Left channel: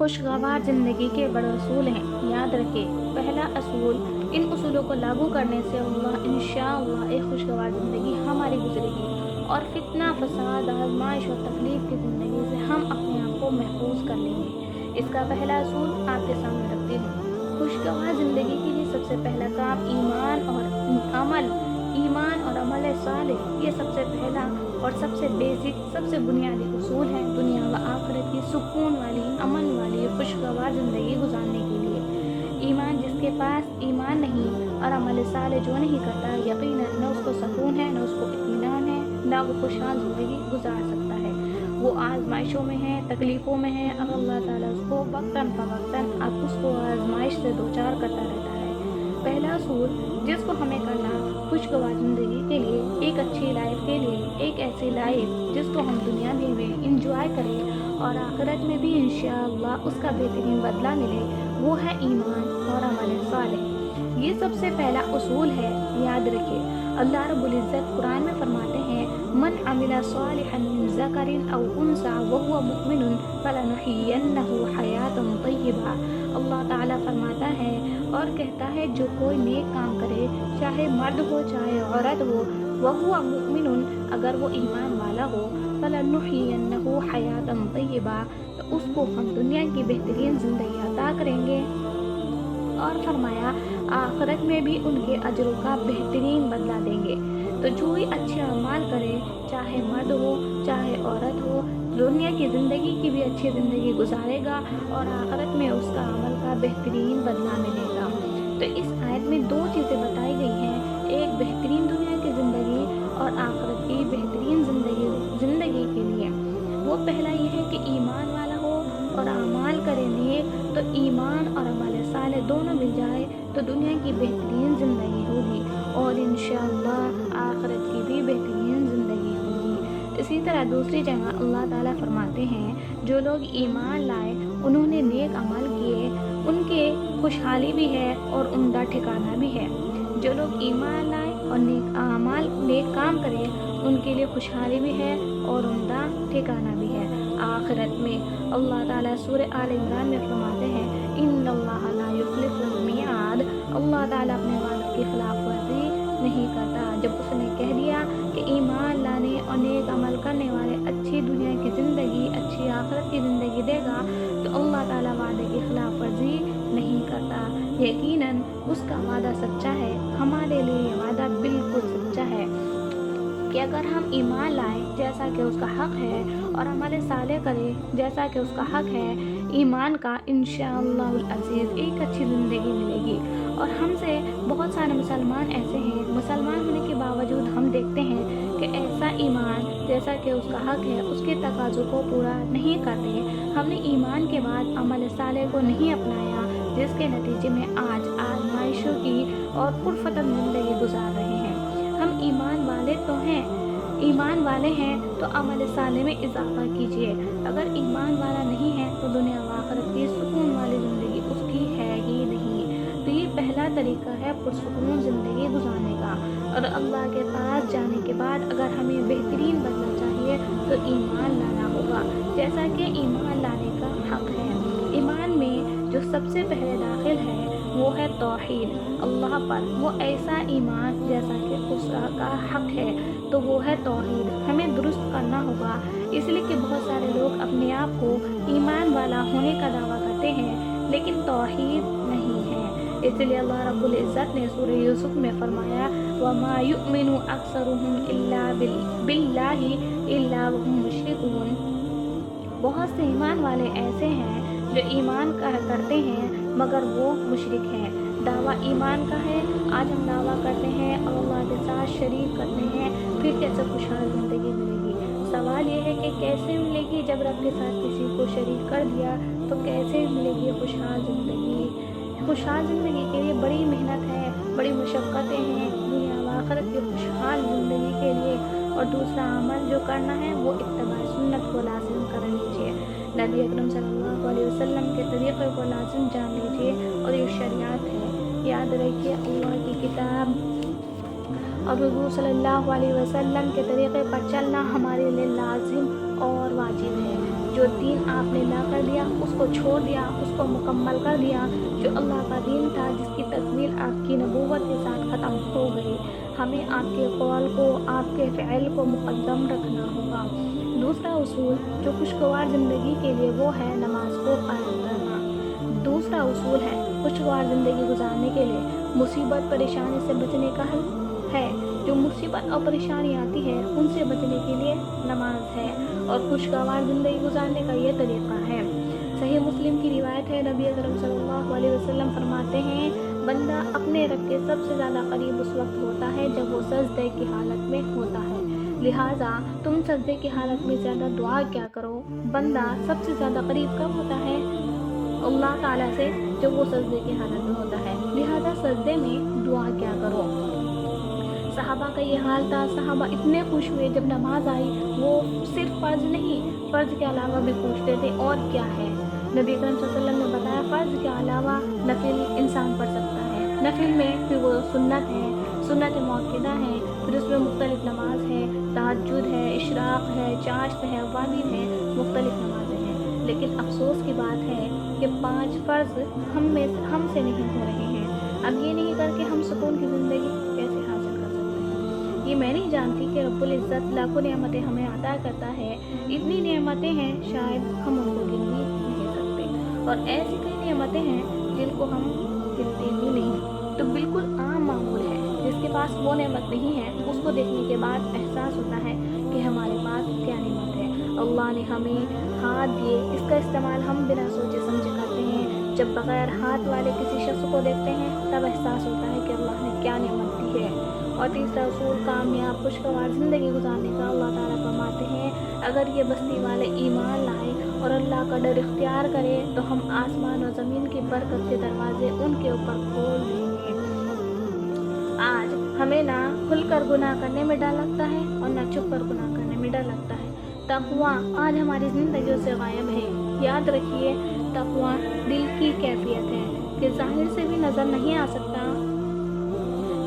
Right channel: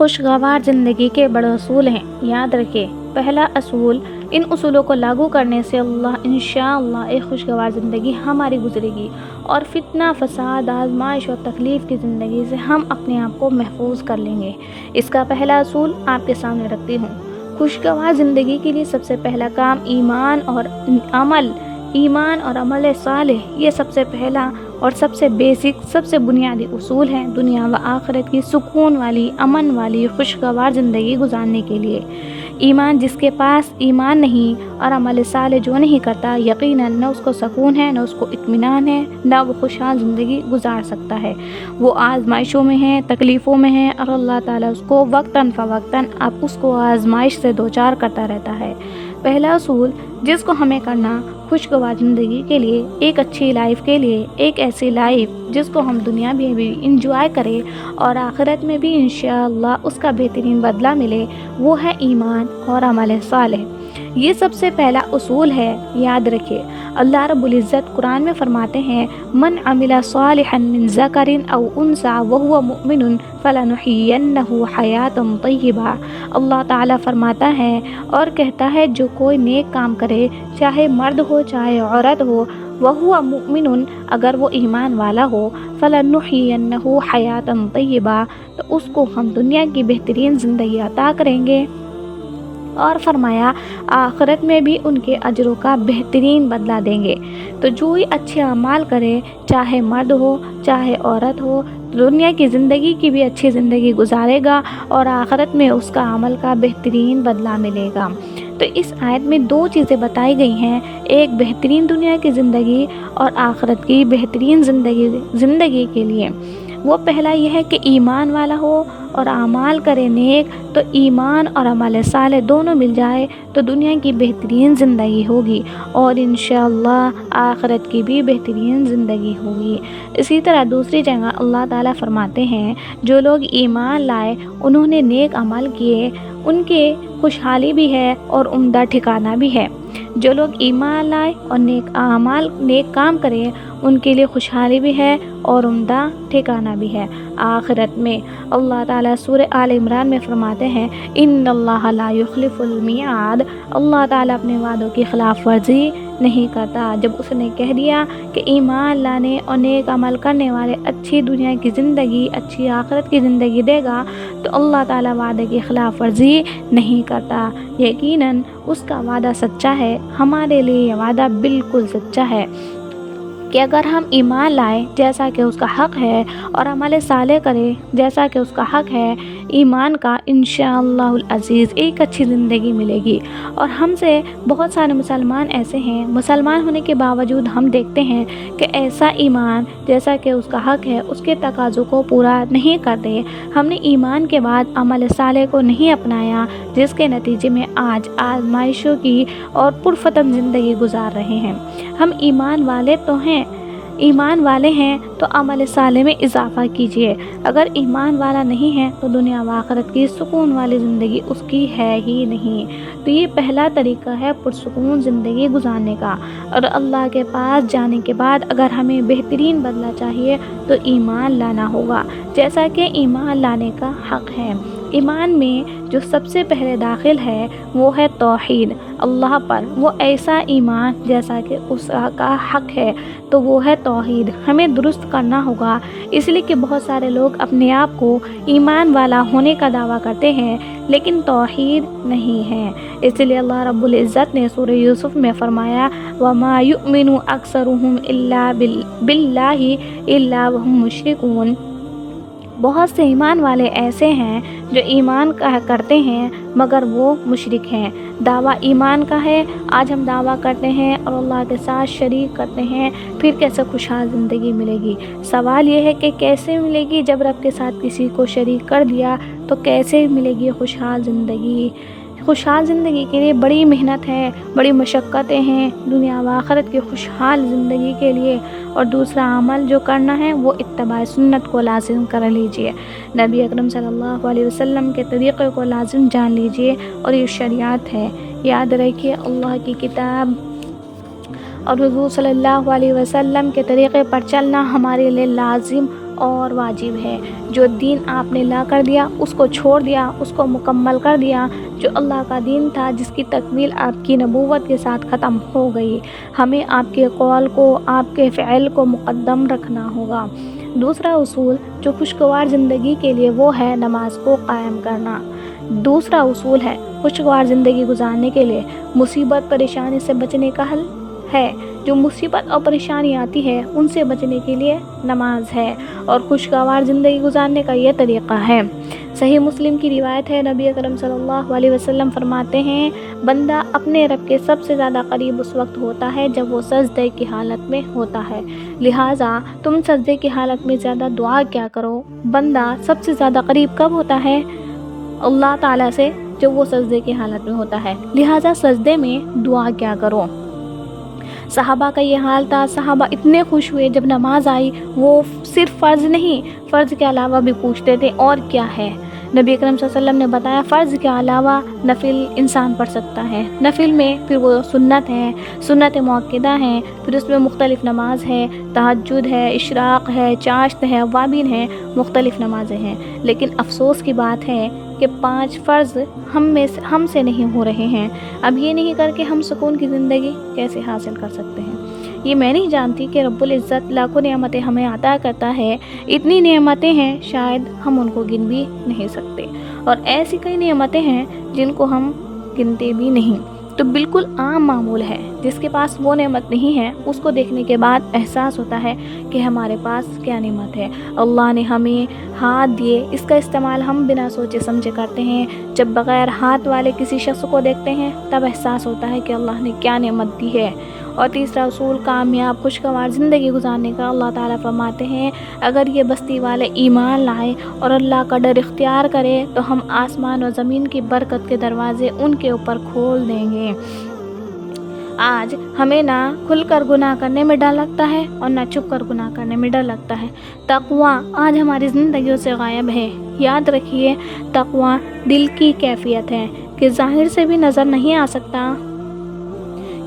خوشگوار زندگی کے بڑے اصول ہیں۔ یاد رکھیں، پہلا اصول، ان اصولوں کو لاگو کرنے سے انشاءاللہ ایک خوشگوار زندگی ہماری گزرے گی اور فتنہ، فساد، آزمائش اور تکلیف کی زندگی سے ہم اپنے آپ کو محفوظ کر لیں گے۔ اس کا پہلا اصول آپ کے سامنے رکھتی ہوں۔ خوشگوار زندگی کے لیے سب سے پہلا کام ایمان اور عمل صالح، یہ سب سے پہلا اور سب سے بیسک، سب سے بنیادی اصول ہیں دنیا و آخرت کی سکون والی، امن والی، خوشگوار زندگی گزارنے کے لیے۔ ایمان جس کے پاس ایمان نہیں اور عمل صالح جو نہیں کرتا، یقیناً نہ اس کو سکون ہے، نہ اس کو اطمینان ہے، نہ وہ خوشحال زندگی گزار سکتا ہے۔ وہ آزمائشوں میں ہے، تکلیفوں میں ہے، اور اللہ تعالیٰ اس کو وقتاً فوقتاً اب اس کو آزمائش سے دوچار کرتا رہتا ہے۔ پہلا اصول جس کو ہمیں کرنا خوشگوار زندگی کے لیے، ایک اچھی لائف کے لیے، ایک ایسی لائف جس کو ہم دنیا میں بھی انجوائے کریں اور آخرت میں بھی انشاءاللہ اس کا بہترین بدلہ ملے، وہ ہے ایمان اور عمل صالح۔ یہ سب سے پہلا اصول ہے، یاد رکھیں۔ اللہ رب العزت قرآن میں فرماتے ہیں، من عمل صالحا من ذکر او انثی وہو مؤمن فلنحیینہ حیاۃ طیبہ۔ اللہ تعالیٰ فرماتا ہے اور کہتا ہے، جو کوئی نیک کام کرے، چاہے مرد ہو چاہے عورت ہو، وہو مؤمن، اگر وہ ایمان والا ہو، فلنحیینہ حیاۃ طیبہ، تو اس کو ہم دنیا کی بہترین زندگی عطا کریں گے، اور فرمایا آخرت میں بھی ان کے اجروں کا بہترین بدلہ دیں گے۔ تو جو ہی اچھے اعمال کرے، چاہے مرد ہو چاہے عورت ہو، دنیا کی زندگی کی بھی اچھی زندگی گزارے گا اور آخرت میں اس کا عمل کا بہترین بدلہ ملے گا۔ تو اس آیت میں دو چیزیں بتائی گئی ہیں، ایک بہترین دنیا کی زندگی اور آخرت کی بہترین زندگی کے لیے۔ وہ پہلا یہ ہے کہ ایمان والا ہو اور اعمال کرے نیک، تو ایمان اور عمل صالح دونوں مل جائے تو دنیا کی بہترین زندگی ہوگی اور انشاءاللہ آخرت کی بھی بہترین زندگی ہوگی۔ اسی طرح دوسری جگہ اللہ تعالیٰ فرماتے ہیں، جو لوگ ایمان لائے، انہوں نے نیک عمل کیے، ان کے خوشحالی بھی ہے اور عمدہ ٹھکانہ بھی ہے۔ جو لوگ ایمان لائے اور نیک کام کریں، ان کے لیے خوشحالی بھی ہے اور عمدہ ٹھکانہ بھی ہے آخرت میں۔ اللہ تعالیٰ سورہ آل عمران میں فرماتے ہیں، ان اللہ لا یخلف المیعاد، اللہ تعالیٰ اپنے وعدوں کی خلاف ورزی نہیں کرتا۔ جب اس نے کہہ دیا کہ ایمان لانے اور نیک عمل کرنے والے اچھی دنیا کی زندگی، اچھی آخرت کی زندگی دے گا، تو اللہ تعالیٰ وعدے کی خلاف ورزی نہیں کرتا۔ یقیناً اس کا وعدہ سچا ہے، ہمارے لیے یہ وعدہ بالکل سچا ہے کہ اگر ہم ایمان لائیں جیسا کہ اس کا حق ہے اور عمل صالح کریں جیسا کہ اس کا حق ہے، ایمان کا انشاءاللہ العزیز ایک اچھی زندگی ملے گی۔ اور ہم سے بہت سارے مسلمان ایسے ہیں، مسلمان ہونے کے باوجود ہم دیکھتے ہیں کہ ایسا ایمان جیسا کہ اس کا حق ہے، اس کے تقاضوں کو پورا نہیں کرتے۔ ہم نے ایمان کے بعد عمل صالح کو نہیں اپنایا، جس کے نتیجے میں آج آزمائشوں کی اور پرفتن زندگی گزار رہے ہیں۔ ہم ایمان والے ہیں تو عمل صالح میں اضافہ کیجیے۔ اگر ایمان والا نہیں ہے تو دنیا و آخرت کی سکون والی زندگی اس کی ہے ہی نہیں۔ تو یہ پہلا طریقہ ہے پرسکون زندگی گزارنے کا۔ اور اللہ کے پاس جانے کے بعد اگر ہمیں بہترین بدلہ چاہیے تو ایمان لانا ہوگا، جیسا کہ ایمان لانے کا حق ہے۔ ایمان میں جو سب سے پہلے داخل ہے وہ ہے توحید اللہ پر، وہ ایسا ایمان جیسا کہ اس کا حق ہے، تو وہ ہے توحید، ہمیں درست کرنا ہوگا۔ اس لیے کہ بہت سارے لوگ اپنے آپ کو ایمان والا ہونے کا دعویٰ کرتے ہیں لیکن توحید نہیں ہے۔ اس لیے اللہ رب العزت نے سورہ یوسف میں فرمایا، وَمَا يُؤْمِنُ أَكْثَرُهُمْ إِلَّا بِاللَّهِ إِلَّا وَهُمْ مُشْرِكُونَ۔ بہت سے ایمان والے ایسے ہیں جو ایمان کرتے ہیں مگر وہ مشرک ہیں۔ دعویٰ ایمان کا ہے، آج ہم دعویٰ کرتے ہیں اور اللہ کے ساتھ شریک کرتے ہیں، پھر کیسے خوشحال زندگی ملے گی؟ سوال یہ ہے کہ کیسے ملے گی؟ جب رب کے ساتھ کسی کو شریک کر دیا تو کیسے ملے گی خوشحال زندگی؟ خوشحال زندگی کے لیے بڑی محنت ہے، بڑی مشقتیں ہیں دنیا و آخرت کی خوشحال زندگی کے لیے۔ اور دوسرا عمل جو کرنا ہے وہ اتباع سنت کو لازم کر لیجئے، نبی اکرم صلی اللہ علیہ وسلم کے طریقے کو لازم جان لیجئے، اور یہ شریعت ہے۔ یاد رکھیے، اللہ کی کتاب اور حضور صلی اللہ علیہ وسلم کے طریقے پر چلنا ہمارے لیے لازم اور واجب ہے۔ جو دین آپ نے لا کر دیا اس کو چھوڑ دیا، اس کو مکمل کر دیا، جو اللہ کا دین تھا جس کی تکمیل آپ کی نبوت کے ساتھ ختم ہو گئی۔ ہمیں آپ کے قول کو، آپ کے فعل کو مقدم رکھنا ہوگا۔ دوسرا اصول جو خوشگوار زندگی کے لیے وہ ہے نماز کو قائم کرنا۔ دوسرا اصول ہے خوشگوار زندگی گزارنے کے لیے مصیبت پریشانی سے بچنے کا حل ہے۔ جو مصیبت اور پریشانی آتی ہے ان سے بچنے کے لیے نماز ہے، اور خوشگوار زندگی گزارنے کا یہ طریقہ ہے۔ صحیح مسلم کی روایت ہے، نبی اکرم صلی اللہ علیہ وسلم فرماتے ہیں، بندہ اپنے رب کے سب سے زیادہ قریب اس وقت ہوتا ہے جب وہ سجدے کی حالت میں ہوتا ہے، لہٰذا تم سجدے کی حالت میں زیادہ دعا کیا کرو۔ بندہ سب سے زیادہ قریب کب ہوتا ہے اللہ تعالیٰ سے؟ جب وہ سجدے کی حالت میں ہوتا ہے، لہٰذا سجدے میں دعا کیا کرو۔ صحابہ کا یہ حال تھا، صحابہ اتنے خوش ہوئے جب نماز آئی، وہ صرف فرض نہیں، فرض کے علاوہ بھی پوچھتے تھے اور کیا ہے۔ نبی اکرم صلی اللہ علیہ وسلم نے بتایا فرض کے علاوہ نفل انسان پڑھ سکتا ہے۔ نفل میں پھر وہ سنت ہے، سنت مؤکدہ ہیں، پھر اس میں مختلف نماز ہے، تہجد ہے، اشراق ہے، چاشت ہے، اوابین ہے، مختلف نمازیں ہیں۔ لیکن افسوس کی بات ہے کہ 5 فرض ہم سے نہیں ہو رہے ہیں۔ اب یہ نہیں کر کے ہم سکون کی زندگی کیسے حاصل کر سکتے ہیں؟ یہ میں نہیں جانتی کہ رب العزت لاکھوں نعمتیں ہمیں عطا کرتا ہے، اتنی نعمتیں ہیں شاید ہم ان کو گن بھی نہیں سکتے، اور ایسی کئی نعمتیں ہیں جن کو ہم گنتے بھی نہیں۔ تو بالکل عام معمول ہے، جس کے پاس وہ نعمت نہیں ہے اس کو دیکھنے کے بعد احساس ہوتا ہے کہ ہمارے پاس کیا نعمت ہے۔ اللہ نے ہمیں ہاتھ دیے، اس کا استعمال ہم بنا سوچے سمجھے کرتے ہیں۔ جب بغیر ہاتھ والے کسی شخص کو دیکھتے ہیں تب احساس ہوتا ہے کہ اللہ نے کیا نعمت دی ہے۔ اور تیسرا اصول کامیاب خوشگوار زندگی گزارنے کا، اللہ تعالیٰ فرماتے ہیں اگر یہ بستی والے ایمان لائے اور اللہ کا ڈر اختیار کرے تو ہم آسمان و زمین کی برکت کے دروازے ان کے اوپر کھول دیں گے۔ آج ہمیں نہ کھل کر گناہ کرنے میں ڈر لگتا ہے اور نہ چھپ کر گناہ کرنے میں ڈر لگتا ہے۔ تقویٰ آج ہماری زندگیوں سے غائب ہے۔ یاد رکھیے، تقویٰ دل کی کیفیت ہے کہ ظاہر سے بھی نظر نہیں آ سکتا،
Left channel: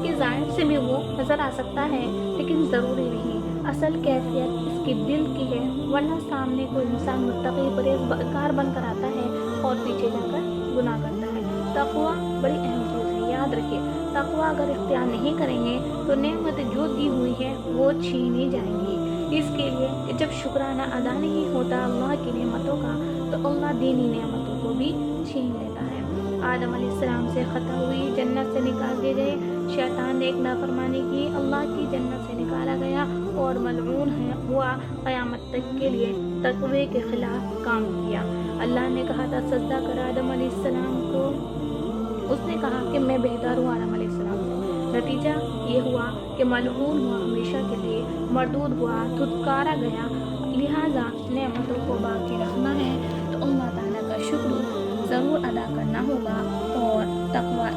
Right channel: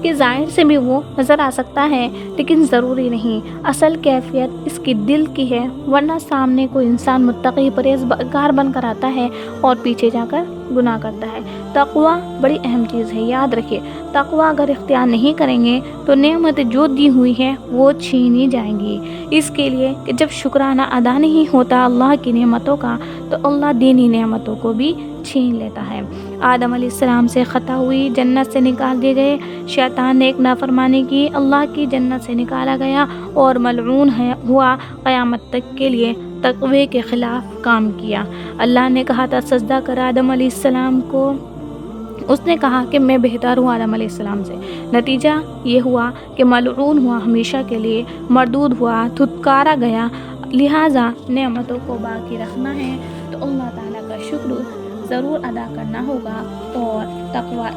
کہ ظاہر سے بھی وہ نظر آ سکتا ہے لیکن ضروری نہیں، اصل کیفیت اس کی دل کی ہے، ورنہ سامنے کوئی انسان متقی پرہیزگار بن کر آتا ہے اور پیچھے جا کر گناہ کرتا ہے۔ تقویٰ بڑی اہم چیز ہے، یاد رکھیے، تقویٰ اگر اختیار نہیں کریں گے تو نعمتیں جو دی ہوئی ہیں وہ چھینی جائیں گی۔ اس کے لیے کہ جب شکرانہ ادا نہیں ہوتا اللہ کی نعمتوں کا تو اللہ دینی نعمتوں کو بھی چھین لیتا ہے۔ آدم علیہ السلام سے خطا ہوئی، جنت سے نکال دیے گئے، شیطان نے ایک نافرمانی کی، اللہ کی جنت سے نکالا گیا اور ملعون ہوا، قیامت تک کے لیے تقوی کے خلاف کام کیا۔ اللہ نے کہا تھا سجدہ کر آدم علیہ السلام کو، اس نے کہا کہ میں بہتر ہوں آدم علیہ السلام سے، نتیجہ یہ ہوا کہ ملعون ہوا، ہمیشہ کے لیے مردود ہوا، دھتکارا گیا۔ لہٰذا نعمتوں کو باقی رکھنا ہے تو اللہ تعالیٰ کا شکر ضرور ادا کرنا ہوگا اور تقویٰ